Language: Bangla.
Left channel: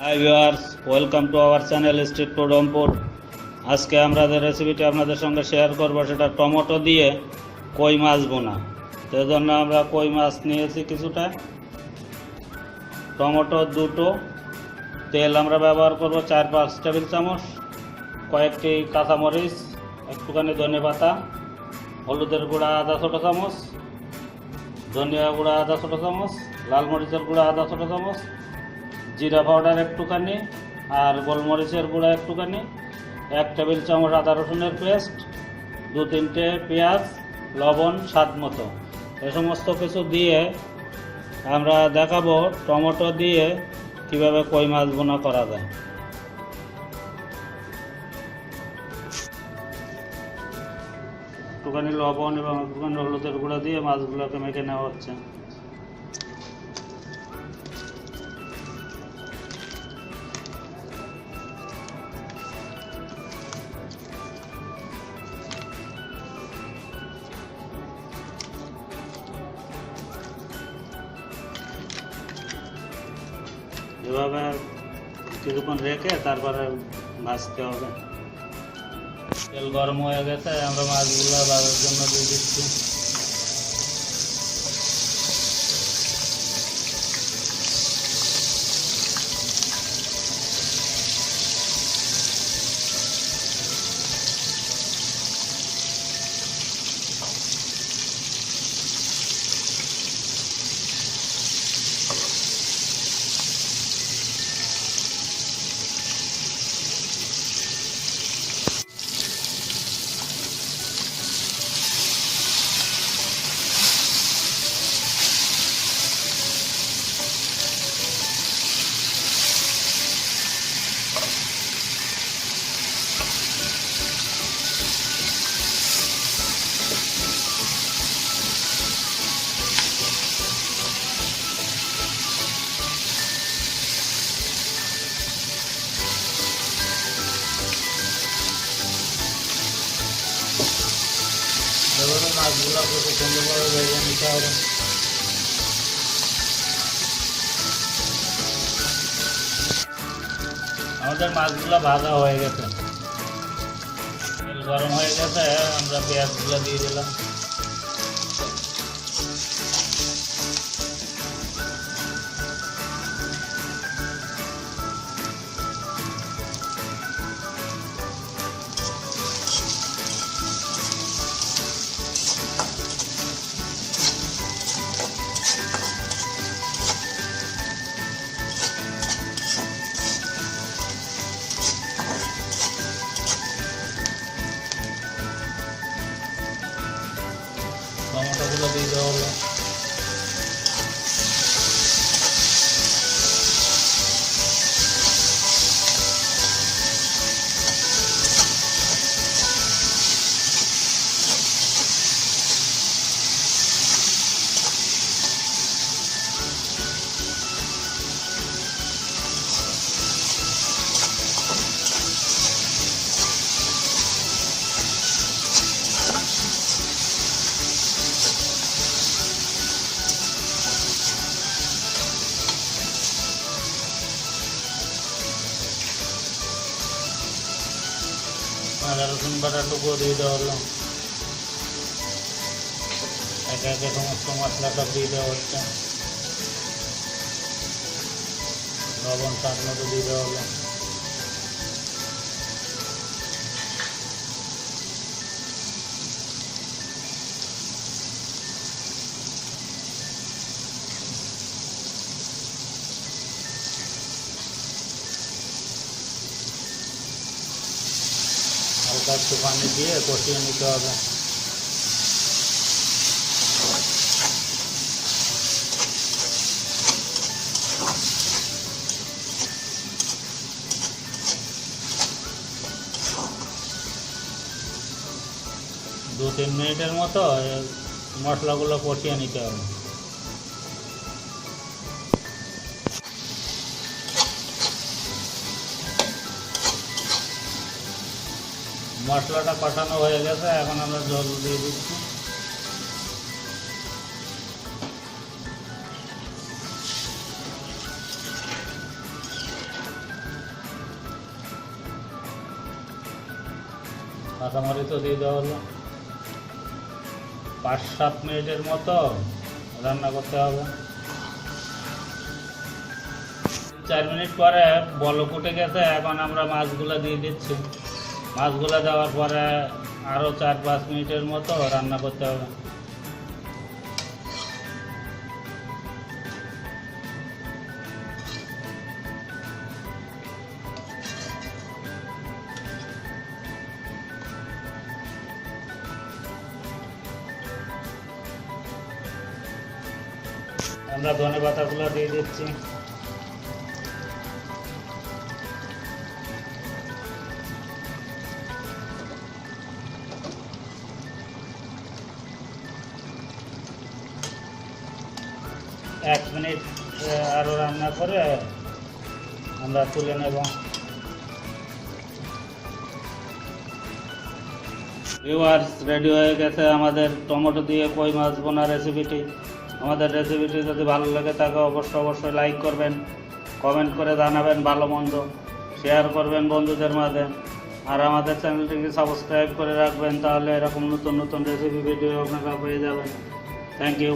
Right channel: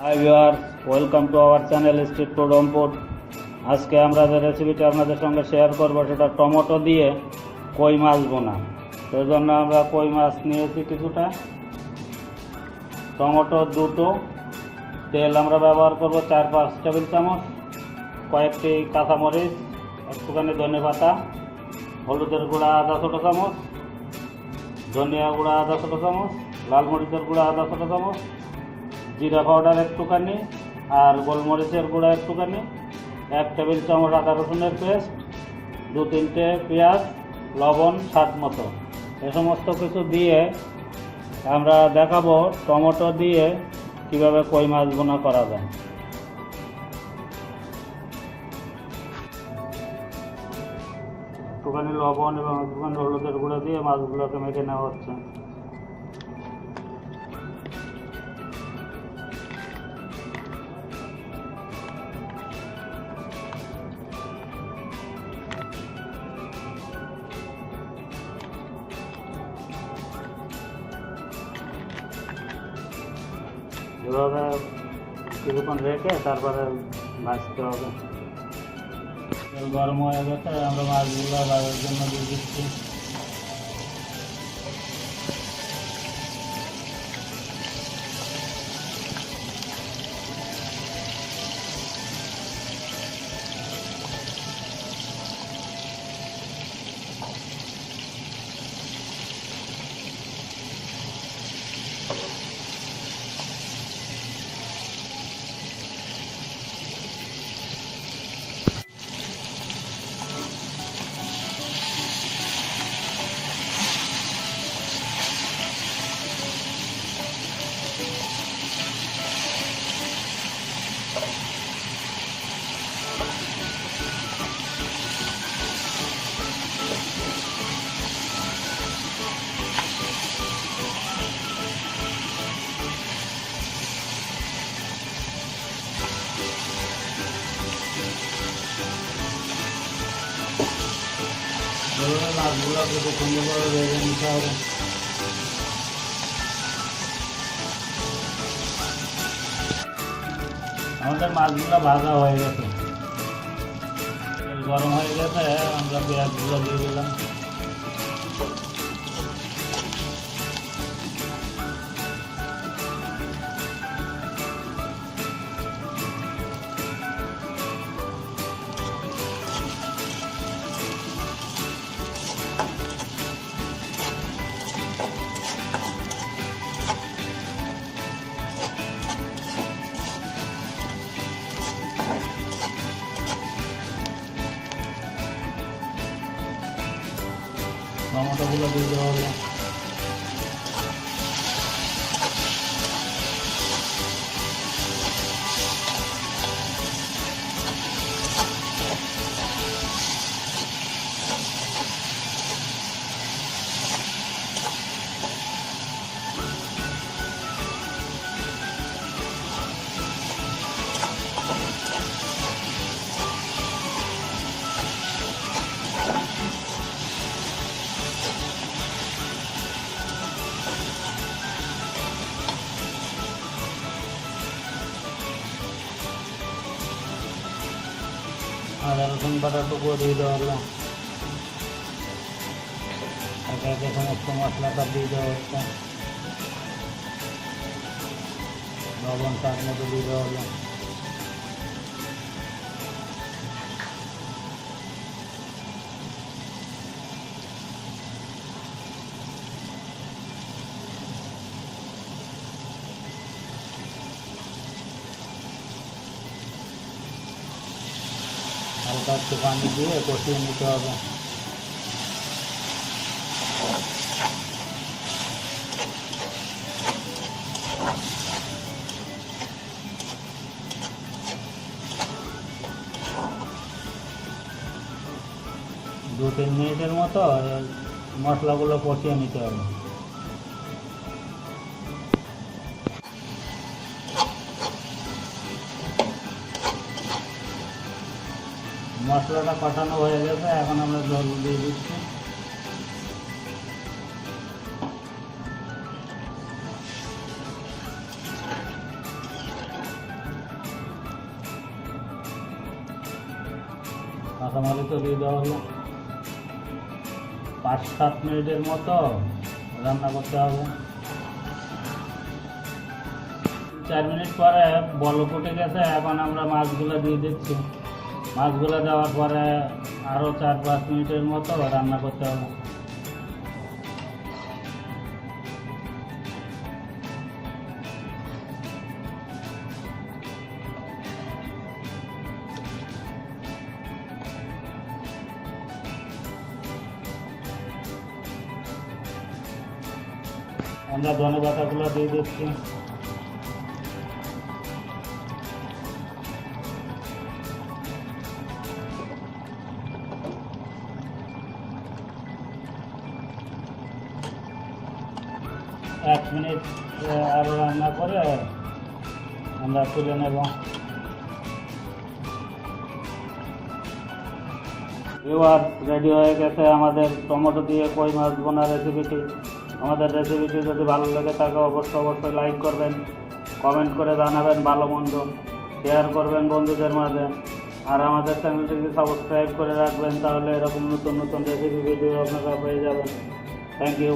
Hi viewers, welcome to our channel street food Rangpur. আজকে আমরা যে রেসিপিটা আপনাদের সঙ্গে শেয়ার করবো সেটা টমেটো দিয়ে কই মাছ ভুনা। সেই জন্য আমরা কই মাছ নিয়েছি কিছুটা, টমেটো দুটো, তেল আমরা ব্যবহার করব 4-5 টেবিল চামচ, কয়েকটি কাঁচামরিচ, একটুখানি ধনে পাতা, হলুদের গুঁড়া আধা ছোটো চামচ, ধনিয়া গুঁড়া আধা ছোটো চামচ, লাল মরিচের গুঁড়া আধা ছোটো চামচ, জিরা পাউডার একটুখানি, আর গোলমরিচের গুঁড়া একটুখানি, 1 টেবিল চামচ আদা রসুনের পেস্ট, 2-3টে পেঁয়াজ, লবণ স্বাদ মতো। এ সমস্ত কিছু দিয়ে আমরা দেখাবো টমেটো দিয়ে কিভাবে কই মাছ ভুনা করা যায়। একটুখানি লবণ এবং একটুখানি হলুদের গুঁড়া দিয়ে মাছগুলোকে মেখে নেওয়া হচ্ছে। এভাবে কিছুক্ষণ রেখে তারপরে ভাজতে হবে। তেল গরম হয়ে গেছে, আমরা মাছগুলো ভাজার জন্য দিয়ে দিচ্ছি। মাছগুলো খুব সুন্দরভাবে ভেজে নিতে হবে। আমাদের মাছগুলো ভাজা হয়ে গেছে, তেল গরম হয়ে গেছে, আমরা পেঁয়াজগুলো দিয়ে দিলাম। টমেটোগুলো দিয়ে দেওয়া হলো। আদা রসুন বাটাটুকু দিয়ে দেওয়া হলো। একে একে সমস্ত মশলাটা দিয়ে দেওয়া হচ্ছে। লবণ স্বাদ মতো দিয়ে দেওয়া হলো। হালকা একটু পানি দিয়ে কষিয়ে নিতে হবে। দু 3 মিনিটের মতো মশলাগুলো কষিয়ে নিতে হবে। মশলাটা কষানো হয়ে গেছে, এখন আমরা জল দিয়ে দিচ্ছি। কাঁচামরিচও দিয়ে দেওয়া হলো। 5-7 মিনিটের মতো রান্না করতে হবে। 4 মিনিট পরে বলক উঠে গেছে, এখন আমরা মাছগুলো দিয়ে দিচ্ছি। মাছগুলো দেওয়ার পরে আরও 4-5 মিনিটের মতো রান্না করতে হবে। আমরা ধনে পাতাগুলো দিয়ে দিচ্ছি। এক মিনিট আরও রান্না করে আমরা তুলে নেব। ভিউয়ার্স, রেডি হয়ে গেছে আমাদের টমেটো দিয়ে কই মাছ ভুনা রেসিপিটি। আমাদের রেসিপিটি যদি ভালো লাগে থাকে অবশ্যই লাইক করবেন, কমেন্ট করে জানাবেন ভালো মন্দ, শেয়ার করবেন বন্ধুদের মাঝে, আর আমাদের চ্যানেলটিকে সাবস্ক্রাইব করে রাখবেন, তাহলে এরকম নতুন নতুন রেসিপি ভিডিও আপনারা পেয়ে যাবেন। Thank you.